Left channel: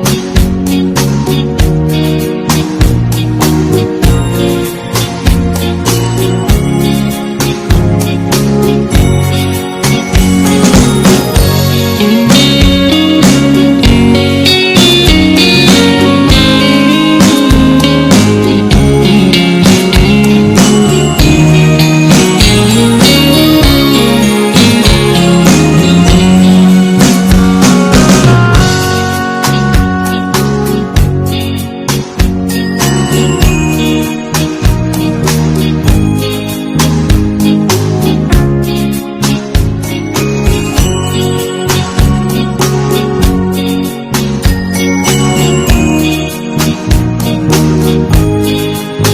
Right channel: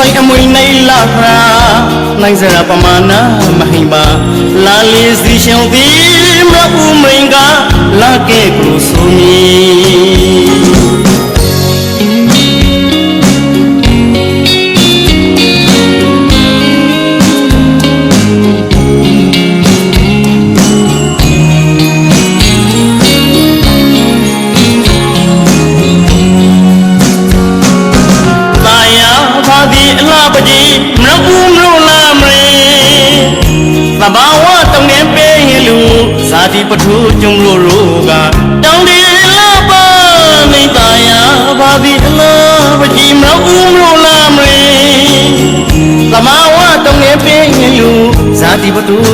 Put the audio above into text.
ဆိုင်အမွေနေလာခရာနိုင်စရာပမာဏမဟိမလာလေးစီရှောင်းသည် ပထိုးညုံလိုလိုကတောင်းတယ်လာပါမိသားယာဘာဘီလားဘာကြီးမလို့ဦးမလို့လာမလဲကမာဝတုံးငယ်ပင်လူဇာတိပထိုး